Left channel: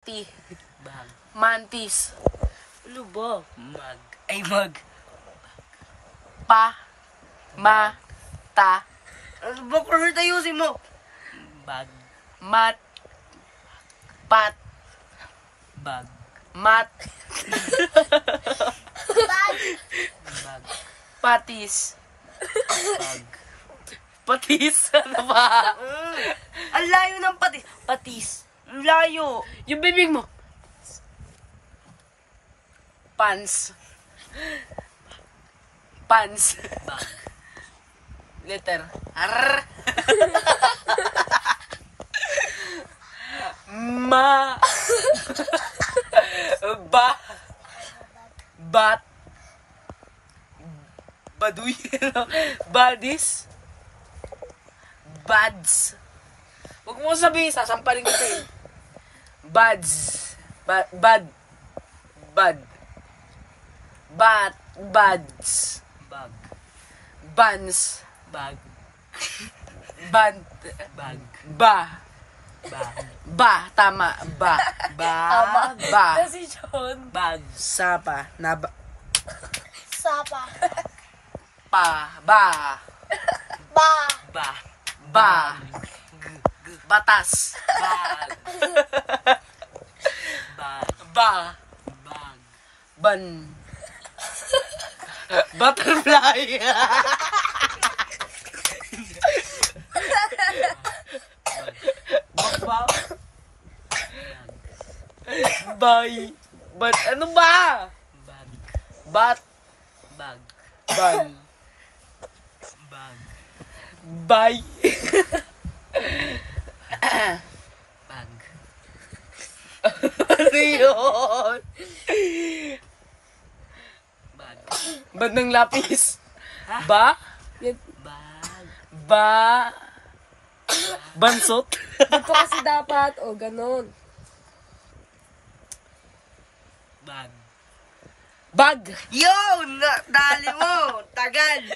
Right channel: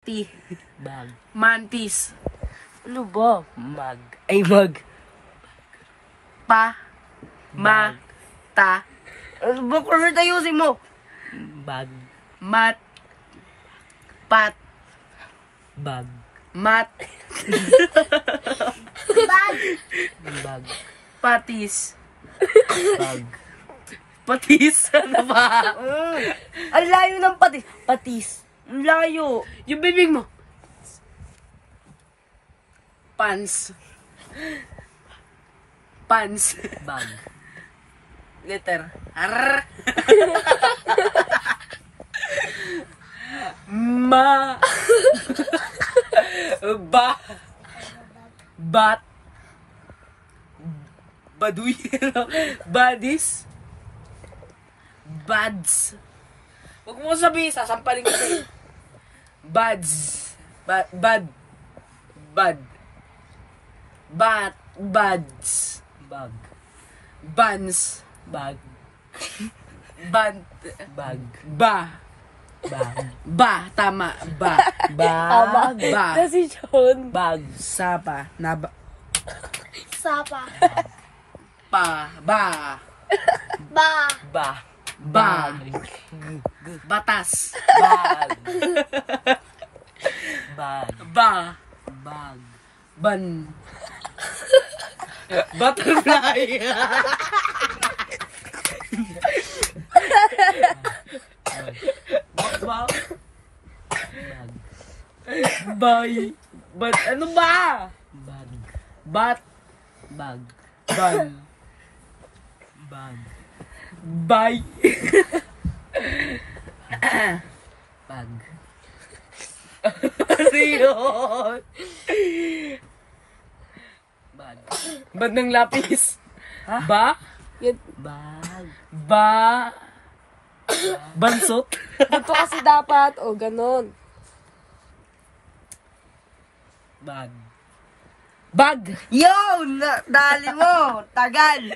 Bag. Mantis. Ano ba? Mag. Ay, mag. Pa. Ma. Bag. Ta. Ano ba? Permit ayusin mo. Bag. Mat. Pat. Bag. Mat. Bag. Bag. Patis. Bag. Patis. Ano ba? Ang layo ng patis. Patis. Ang layo. Yung bibig mo. Pants. Pants. Bag. Letter. R. Ma. Ba. Bat. Baduy. Badis. Bads. Huwag mo sabihin, sasampalin ko sa'yo. Bads. Bad. Bad. Bat. Bads. Bag. Buns. Bag. Ban. Bag. Ba. Bag. Ba. Tama. Ba. Bag. Ba. Si John. Bag. Sapa. Na ba. Sapa. Pa. Ba. Ba. Ba. Ba. Batas. Bag. Bag. Ba. Bag. Ban. Butterfly. Ba. Bay. Bat. Ano ba? Bag. Bat. Bag. Ban. Bag. Bay. Bag. Ano yun? Bag. Ba't ng lapis? Ha? Ba? Bag. Ba? Bansot? Dito kasi dapat. O, ganon. Bag. Bag! Yo! Dali mo! Tagal!